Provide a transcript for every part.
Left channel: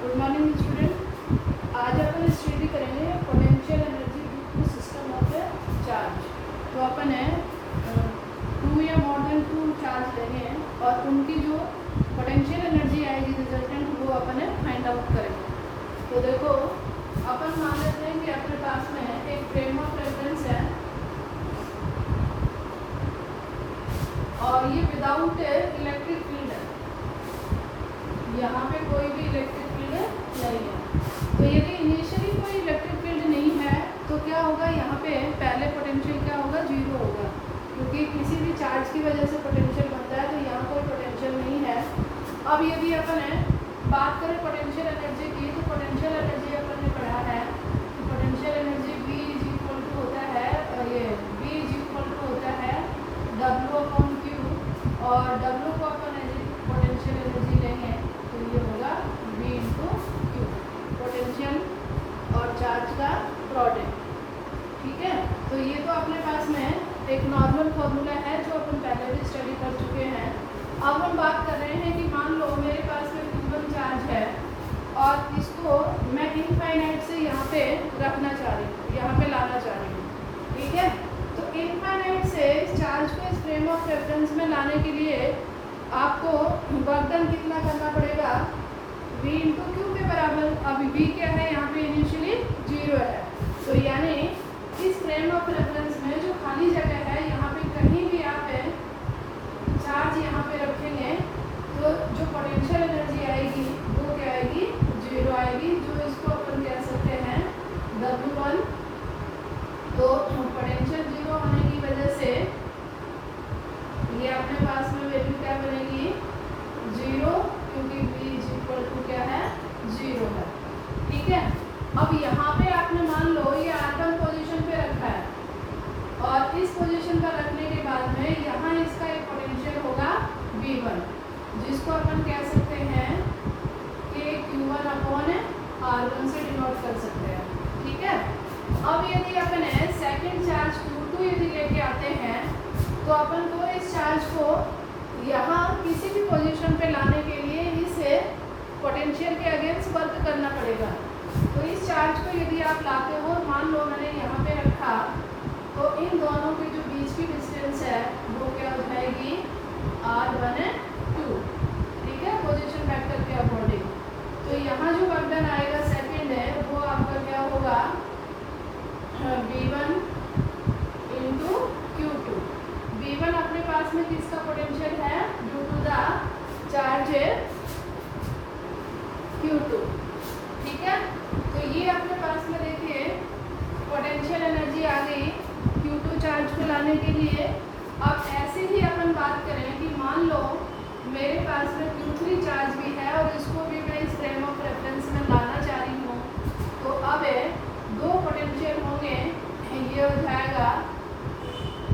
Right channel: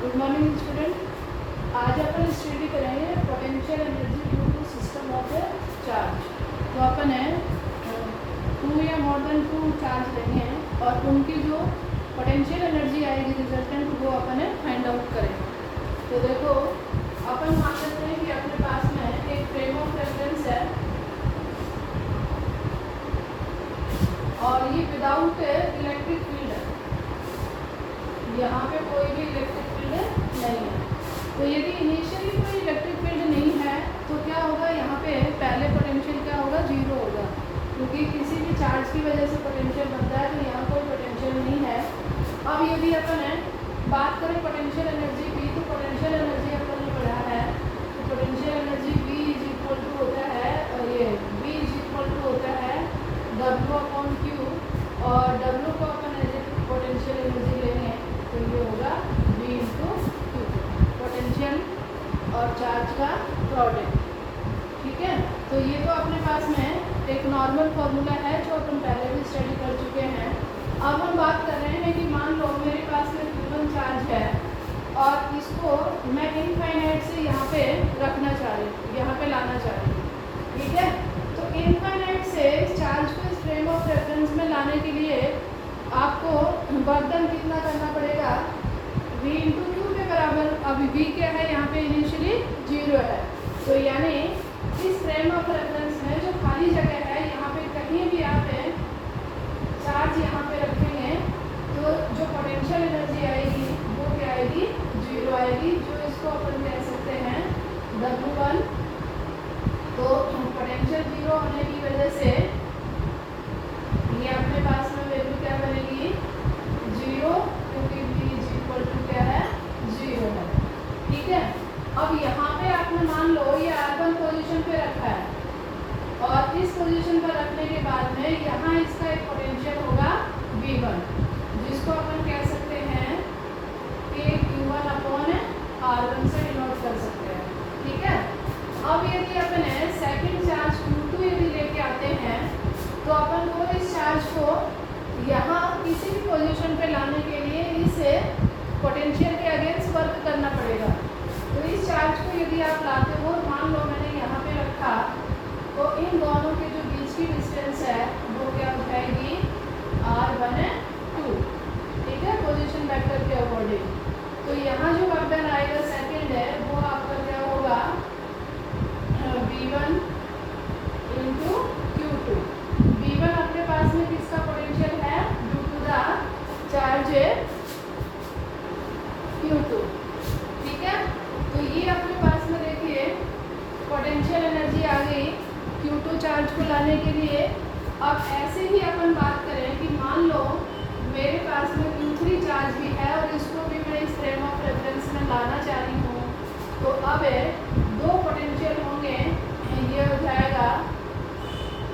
Good morning student. आज अपन study करेंगे potential energy due to system of a charge. तो अपन है 2 या मोर देन 2 चार्ज लेने हैं और उनकी जो पोटेंशियल एनर्जी आएगी रिजल्टेंट वो अपन फाइंड आउट करेंगे। तो देखो अपन मान लेते हैं कि अपने पास में एक फ्रेम ऑफ रेफरेंस है और ये विदाउट इलेक्ट्रिक फील्ड है, यहाँ पे कोई भी इलेक्ट्रिक फील्ड नहीं है। तो यदि इनिशियली कोई इलेक्ट्रिक फील्ड नहीं है तो क्या होगा, यहाँ पे पहले पोटेंशियल क्या होगा, जीरो होगा, क्योंकि किसी भी चार्ज की वजह से पोटेंशियल बनता है। तो यहाँ कोई पोटेंशियल नहीं है। अब यदि अपन बात करें पोटेंशियल एनर्जी की, तो पोटेंशियल एनर्जी अपन ने पढ़ा है तो potential energy B is equal to होता है, ये B इज इक्वल टू होता है W/Q, और W को अपन एज पोटेंशियल एनर्जी लेंगे तो ये होगा V × Q, पोटेंशियल और चार्ज का प्रोडक्ट। ठीक है, तो ये तो अपने पास में एक नॉर्मल फॉर्मूला है जो अपन पहले भी स्टडी कर चुके हैं। अब हम बात कर रहे हैं कि मान लो मेरे पास में गिवन चार्ज है और इसको मैं इनफाइनाइट से यहाँ पे रखना चाह रही हूँ, यहाँ पे लाना चाह रही हूँ। ठीक है, तो इनफाइनाइट से इस चार्ज को इस फ्रेम ऑफ रेफरेंस में लाने के लिए आपको वर्क डन कितना करना पड़ेगा, V × Q के बराबर। अब V क्या है, यहाँ पे इनिशियली 0 है, तो यानी इस फ्रेम ऑफ रेफरेंस में जो खाली जगह है यहाँ पे कहीं भी आप चार्ज यहाँ पे रखेंगे तो जो पोटेंशियल एनर्जी आएगी वो क्या आएगी, 0 आएगी, जो इसको अपन कह सकते हैं W1। तो पोटेंशियल 0 होने की वजह से ये अपने पास में वैल्यू क्या बनेगी, 0, क्योंकि V इज इक्वल टू क्या है, 0 है। ठीक है, अब यहाँ पे आपने मान लो ये R1 पोजीशन पे रखा है और इस पोजीशन पर रखने के बाद में यहाँ इसका एक पोटेंशियल होगा V1, जिसको अपन कह सकते हैं कि Q1/R1 से डिनोट कर सकते हैं। ठीक है, अब यदि अपन सेकंड चार्ज Q2 यदि लेके आते हैं तो अपन को इस चार्ज को यहाँ किसी भी पोजीशन पे लाने के लिए इसे पोटेंशियल के अगेंस्ट वर्क करना पड़ेगा। तो इस चार्ज को यदि आप लाते हो, मान लो मैंने यहाँ पे रखा, तो इन दोनों के जो बीच की डिस्टेंस है वो क्या हो जाएगी, R1/2। ठीक है, पोजीशन वेक्टर के अकॉर्डिंग। तो यहाँ जो वर्क डन आएगा सेकंड है वो आपका क्या होगा, V1 × Q2। V1 अपने पास में किसका पोटेंशियल है, due to the charge Q2। ठीक है, तो ये अपने पास में देखिए पोटेंशियल एनर्जी आ गई Q2 चार्ज को लाने के लिए। अब ऐसे ही अपन बात करें कि मान लो मेरे पास में Q3 चार्ज भी है और इसको भी मैं इस फ्रेम ऑफ रेफरेंस में लाना चाह रही हूँ। तो अब 2 पोटेंशियल होंगे, ये हो जाएगा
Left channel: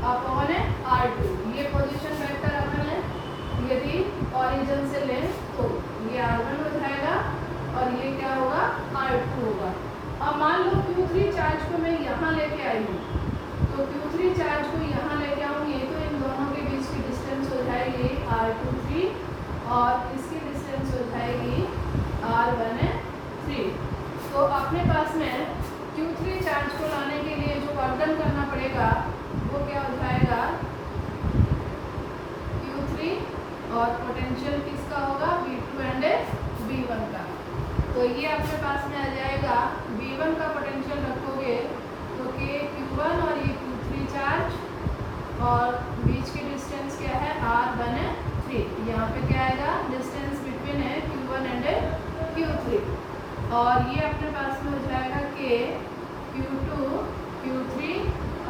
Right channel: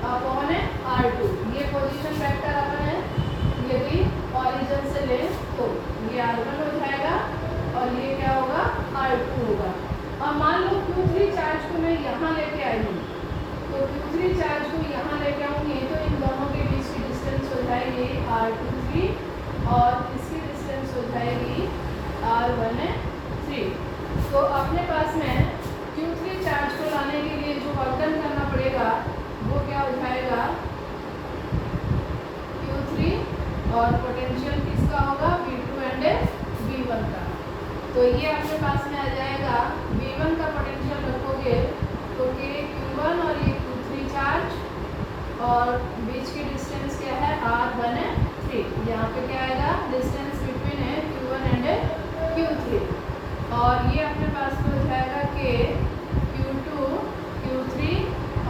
अपॉन R2। ये पोजीशन वेक्टर अपन यदि ऑरिजिन से ले तो ये R1 हो जाएगा और ये क्या होगा, R2 होगा। अब मान लो Q3 चार्ज को मैं यहाँ लेके आई हूँ, तो Q3 चार्ज को यहाँ लेके आऊँगी तो इन दोनों के बीच की डिस्टेंस हो जाएगी R23 और इसकी डिस्टेंस हो जाएगी R13। तो अपने पास में Q3 चार्ज को लाने के लिए जो वर्क डन करना पड़ेगा वो क्या हो जाएगा, Q3 और पोटेंशियल किसका होगा, V2 एंड V1 का। तो ये अपने पास में आ जाएगा, V1 का पोटेंशियल रखोगे तो ये Q1 और ये Q3 चार्ज और बीच की डिस्टेंस क्या है, R13। यहाँ पे क्या आएगा, डिस्टेंस बिटवीन है Q1 एंड Q3, और ये अपने पास में हो जाएगा कि Q2 Q3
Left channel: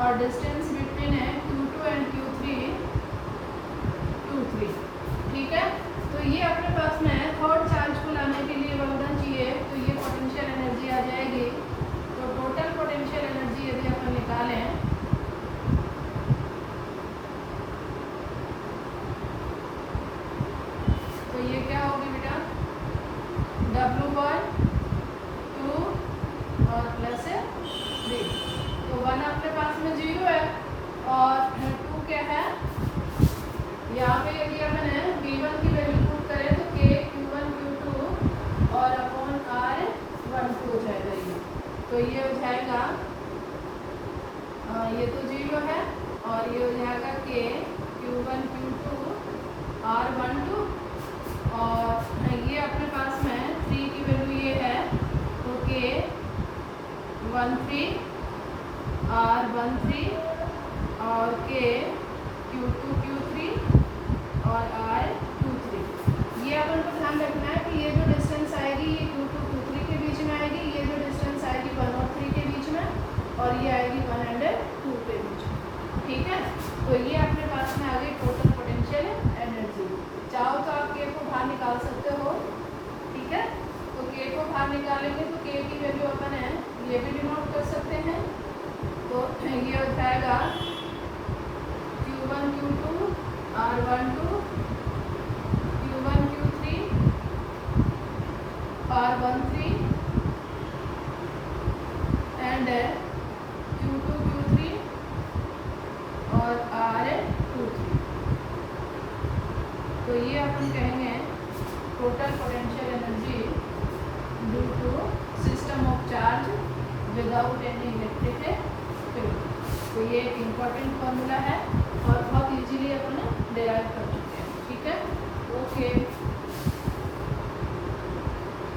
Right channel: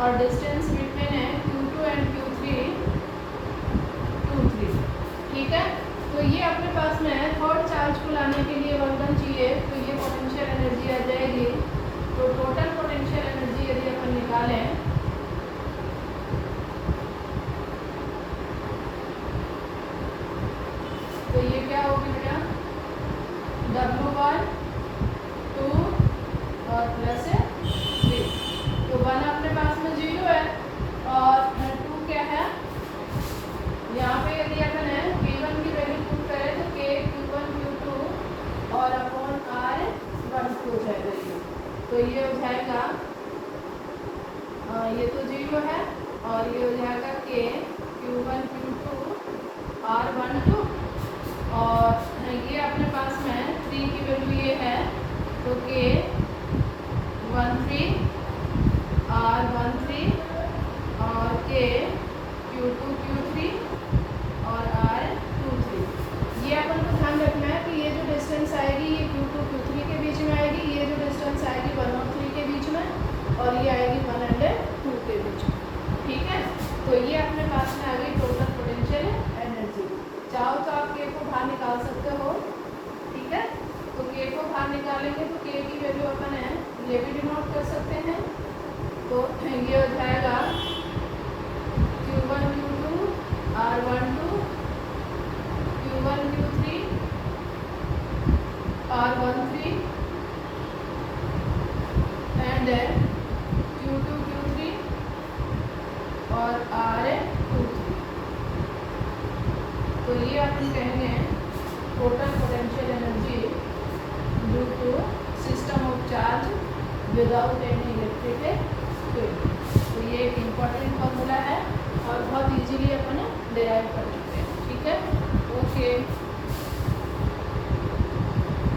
और डिस्टेंस बिटवीन है Q2 एंड Q3 Q3। ठीक है, तो ये अपने पास में थर्ड चार्ज को लाने के लिए वर्क डन चाहिए, तो ये पोटेंशियल एनर्जी आ जाएगी। तो टोटल पोटेंशियल एनर्जी यदि अपन निकालें तो ये क्या होगी बेटा, W/2 और प्लस 3। तो 1 अपने पास में 0 है और 2 क्या है, यहाँ पे यदि अपन V1 की वैल्यू पुट करें तो K Q1 Q2 और अपॉन ये हो जाएगा ये तो 0 है और ये हो जाएगा K Q1 Q2 R12 और ये अपने पास में 3 की वैल्यू ये है तो K 13 R13 और K Q2 Q3 और R23। ये अपन को ध्यान रखना है कि ये जो डिस्टेंस आएगी ये Q2 Q3 के बीच में आएगी, ये जो डिस्टेंस आएगी 1 और 3 के बीच में, और ये आएगी 1 और 2 के बीच में। ठीक है, तो ये अपने पास में आ गई टोटल पोटेंशियल एनर्जी। चाहो तो आप K को बाहर निकाल सकते हो। ठीक है, तो K को बाहर निकालेंगे तो K की वैल्यू अपन है ये भी डिनोट कर सकते हैं। तो ये हो जाएगा Q1 Q2 R12 Q1 Q3 R13 and Q2 Q3 और R23। तो ये अपन कहेंगे total potential energy due to system of charge without any electric field. तो ये एक इम्पोर्टेंट